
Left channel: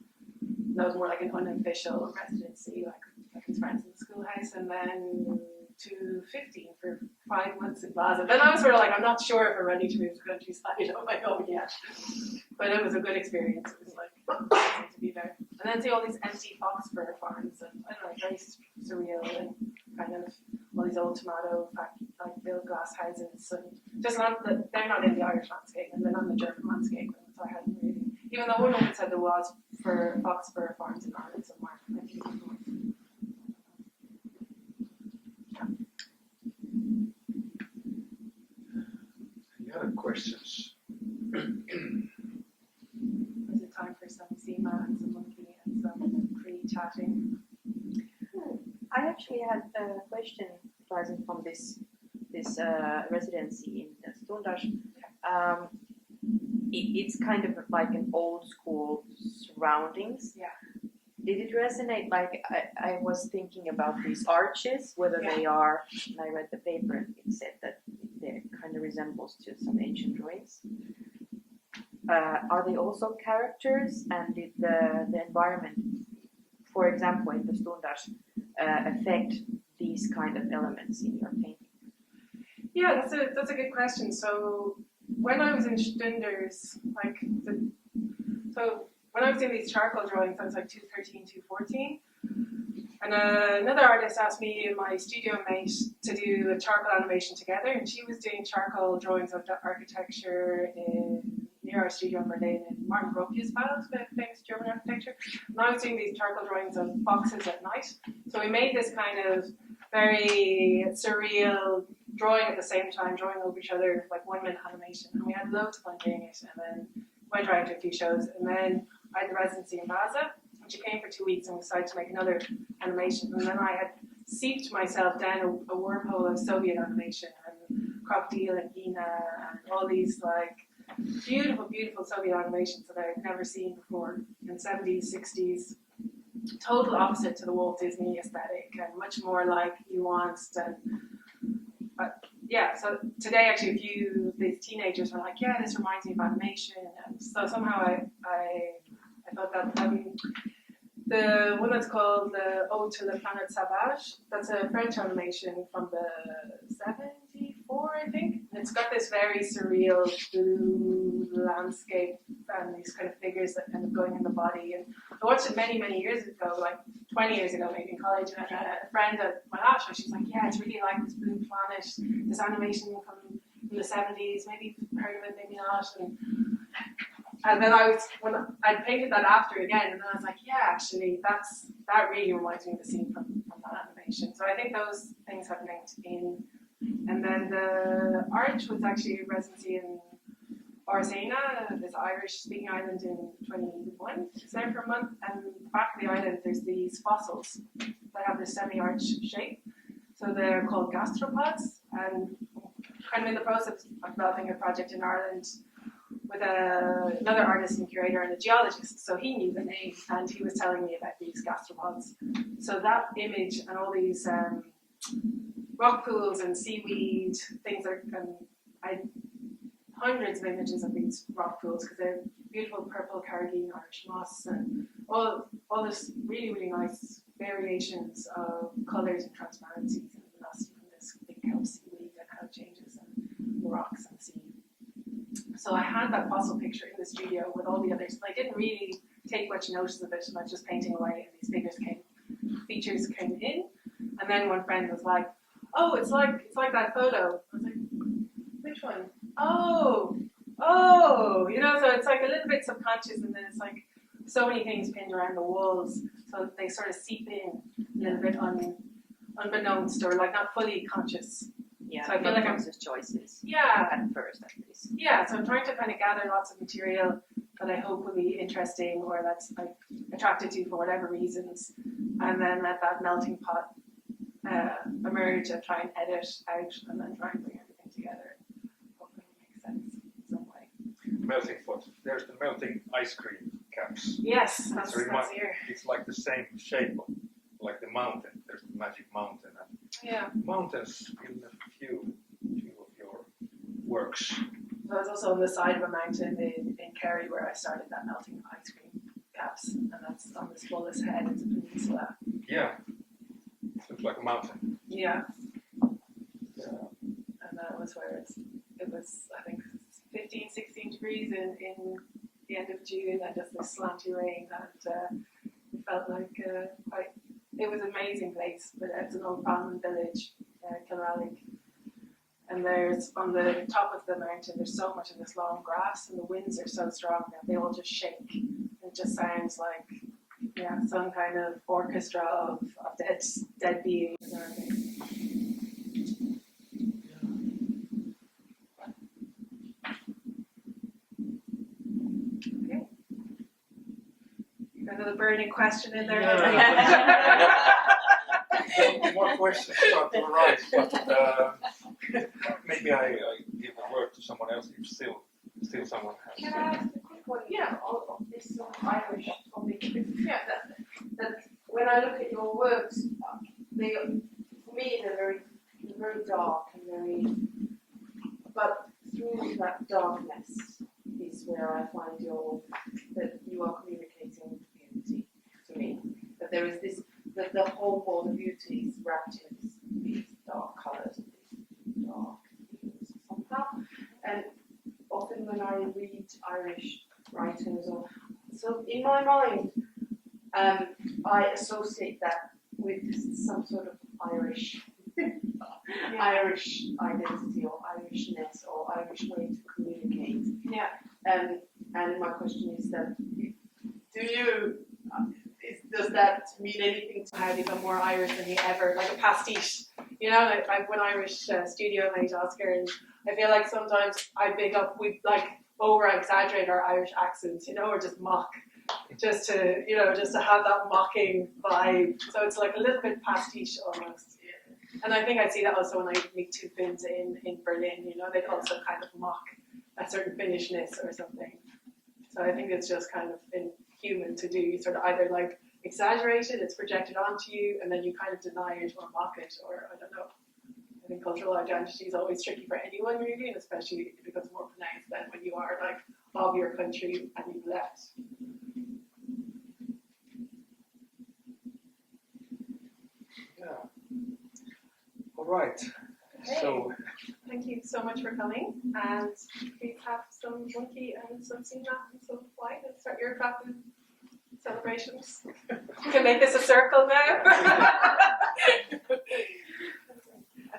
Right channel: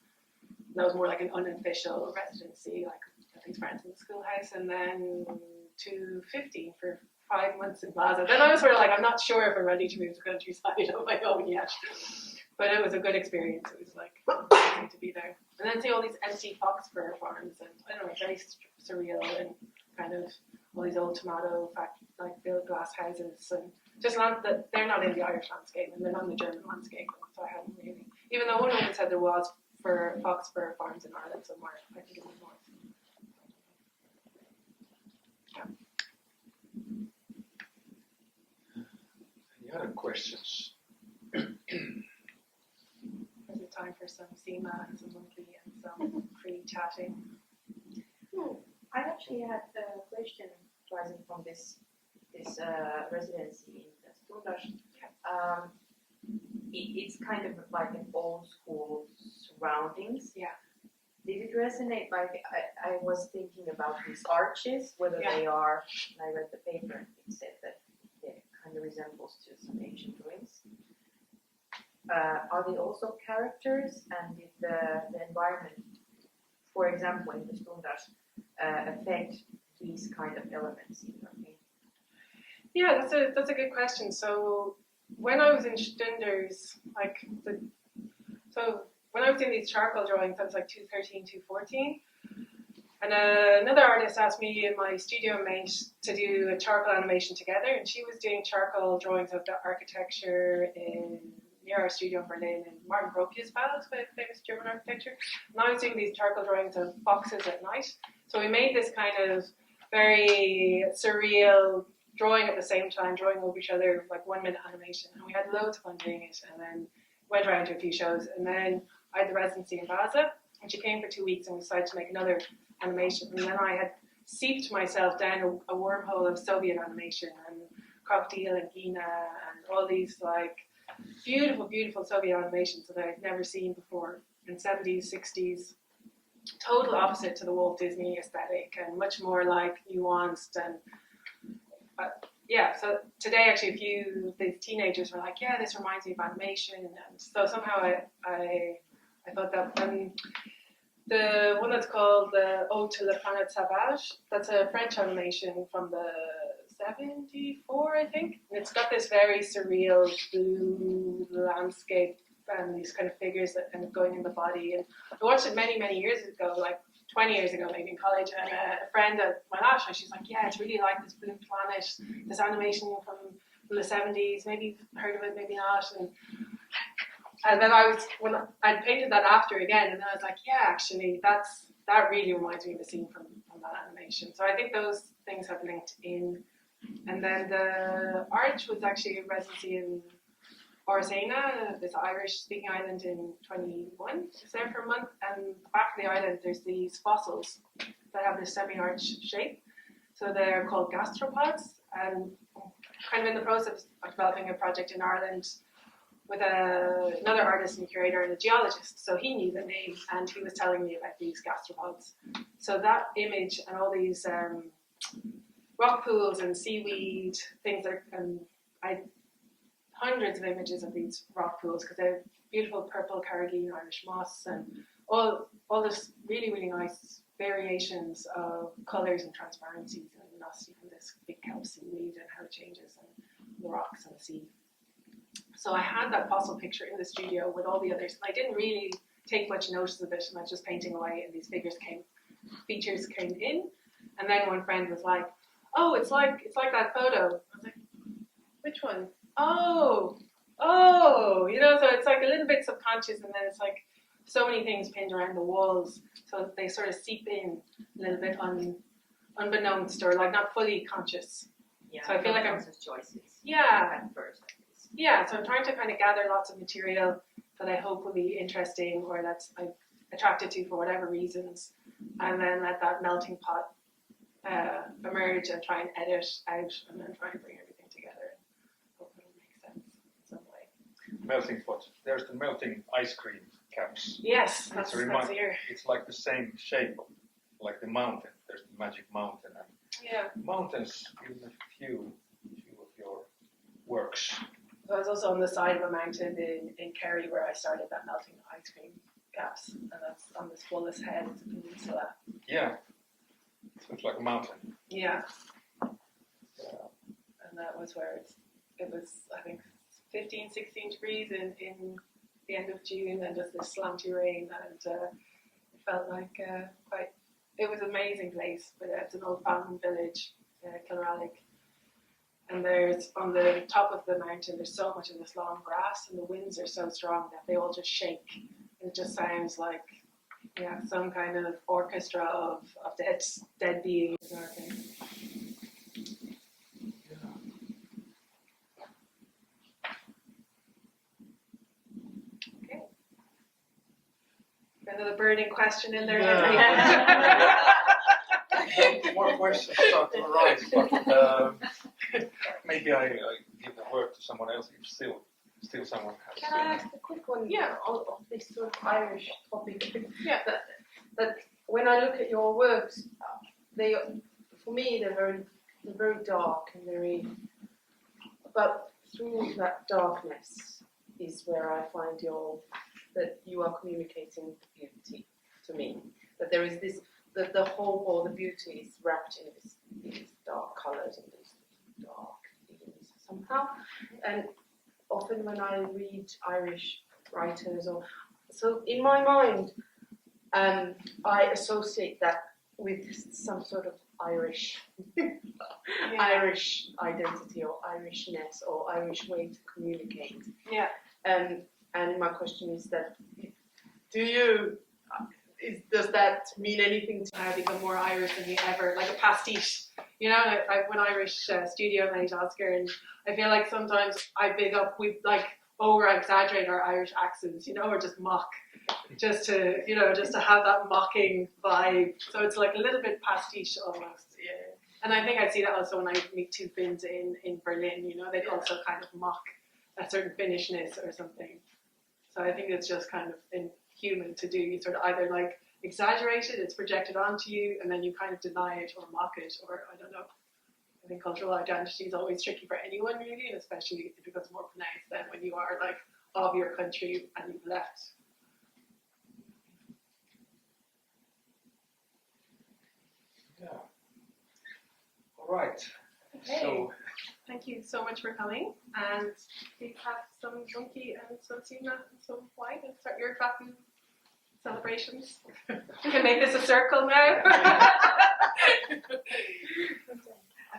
that was more like an unofficial residency, like with these friends in the schoolhouse, and then 2015 for 5 months in Vaasa. Then I was sort of like, I'm not sure if I'm ready to move to countryside on my own yet. But it was a good experience. It was like amazing to be there. And then see all these empty fox fur farms, and I don't know, very surreal, and kind of all these old tomato like built glass houses, and just land that they're not in the Irish landscape, and they're not in the German landscape. And so I hadn't really, even though one woman said there was fox fur farms in Ireland somewhere, I think it was north. Any other questions? Is it time for some SEMA and some monkey and some free chatting? I actually had a question rising from this residency in Stundars. It's kind of like an old school surroundings. Yeah. Did it resonate? Like I was thinking about these arches, whether they are, and I read the paper and it said that they kind of resembles to some ancient ruins. Are they also characters, and did the environment, for example, in the Stundars, affect these kind of elements in your painting? Yeah, that's a good question. So when I was in Stunders, when I was doing these charcoal drawings, I was like 2013, 2014. And another artist asked me and my studio mate to do a charcoal animation together, and she was doing charcoal drawings of the architecture near our studio in Berlin, in Martin Gropius's Palace, famous German architecture. And I was doing these charcoal drawings of foxes at night. So we made this kind of very surreal drawing at the same time, drawing over each other, like 1 minute animation. And we had loads of fun doing it, and then went around to a few shows. And then I had the residency in Vaasa, and she came for 2 weeks, and we decided to make another animation. And then I had seeped myself down a wormhole of Soviet animation, and Crocodile and Gina, and all these like beautiful, beautiful Soviet animations that I'd never seen before in 70s, 60s. Total opposite to the Walt Disney aesthetic, and much more like nuanced. And so today actually these teenagers were like, yeah, this reminds me of animation. And so somehow I thought that the one that's called the Ode to la Planète Sauvage, that's a French animation from the 74, I think. And it's got this very surreal blue landscape and these kind of figures that kind of going in the body. And I watched it many, many years ago, like 20 years ago maybe in college. And a friend at my last show, she's like, yeah, it's really like this blue planet, this animation from the 70s. Maybe you've heard of it, maybe not. And then when I painted that after again, and then I was like, yeah, actually, that really reminds me of the scene from that animation. So I think those things have linked in. And then the arch was actually a residency in Orsena, this Irish-speaking island in 21. It's there for a month, and back of the island there's these fossils that have this semi-arch shape. So they're called gastropods, and kind of in the process of developing a project in Ireland with another artist and curator and a geologist. So he knew the name, and he was telling me about these gastropods. So that image and all these rock pools and seaweed things are, I hundreds of images of these rock pools because they're beautiful purple carrageen Irish moss and all this really, really nice variations of colours and transparencies and luminosity from this big kelp seaweed and how it changes and the rocks and the sea. So I had that fossil picture in the studio with all the others, and I didn't really take much notice of it, and I was just painting away, and these features came in, and then one friend was like, "Oh, it's like that photo." I was like, "Which one?" Oh, you know, so it's like a little bit subconscious, and then it's like so many things pinned around the walls, so they sort of seep in a little bit unbeknownst or like not fully conscious. Yeah, so I feel like I'm conscious choices. Yeah. At first, at least. Yeah, so I'm trying to kind of gather lots of material that I hope will be interesting or that's I'm attracted to for whatever reasons, and then let that melting pot emerge and try and edit out and then try and bring everything together and hope it'll make sense in some way. Melting pot. There's the melting ice cream caps. Yes, that's here. It's like the same shape, like the mountain. There's the magic mountain. And Yeah. mountains in a few of your works. I was also on the side of a mountain in Kerry where I started that melting ice cream caps, and that's on this fullest head. It's a peninsula. Yeah, it looks like a mountain. Yeah. Yeah. And that was where it was, I think, 15, 16 degrees in the end of June, and just this slanty rain, and it felt like it was an amazing place, but it's an old farming village, Kilrallig. And there's, on the top of the mountain, there's so much of this long grass, and the winds are so strong that they all just shake. It just sounds like, yeah, some kind of orchestra of dead beings. Okay. Another burning question in there. More questions start to arise, but maybe I give the word to someone else if still someone has. Can I ask a quick one? Yeah. On this sort of Irish topic. Yeah. That when I look at your works, they, for me, they're very dark and very. But through that darkness is where I find that you are communicating beauty to me. That there is this, that the whole or the beauty is wrapped in these dark colours and these dark themes somehow. And often when I read Irish writers, so in my mind, I associate that with some sort of Irish Irish identity or Irishness or Irish way to communicate. Yeah. And my question is that, does that mean anything to I become more Irish than you ever, like a pastiche. You know, like when Irish studio mate Oscar, and I feel like sometimes we like over exaggerate our Irish accents, you know, or just mock, just to have that mocking vibe. So it's like a little bit pastiche almost. Yeah. And I think I see that also when I meet two Finns in Berlin, you know, they'd also kind of mock a certain Finnishness or something. So I think it's just kind of human to do. You sort of either like exaggerate it, it's projected onto you, and then you kind of deny it or mock it, or I don't know. I think cultural identity is always tricky for anyone really, and especially if it becomes more pronounced than when you are like of your country and you've left. Yeah. All right. Okay. So Thank you so much for coming, and please have some monkey and some sina and some wine and start your Kraku celebrations. We can make this a circle now.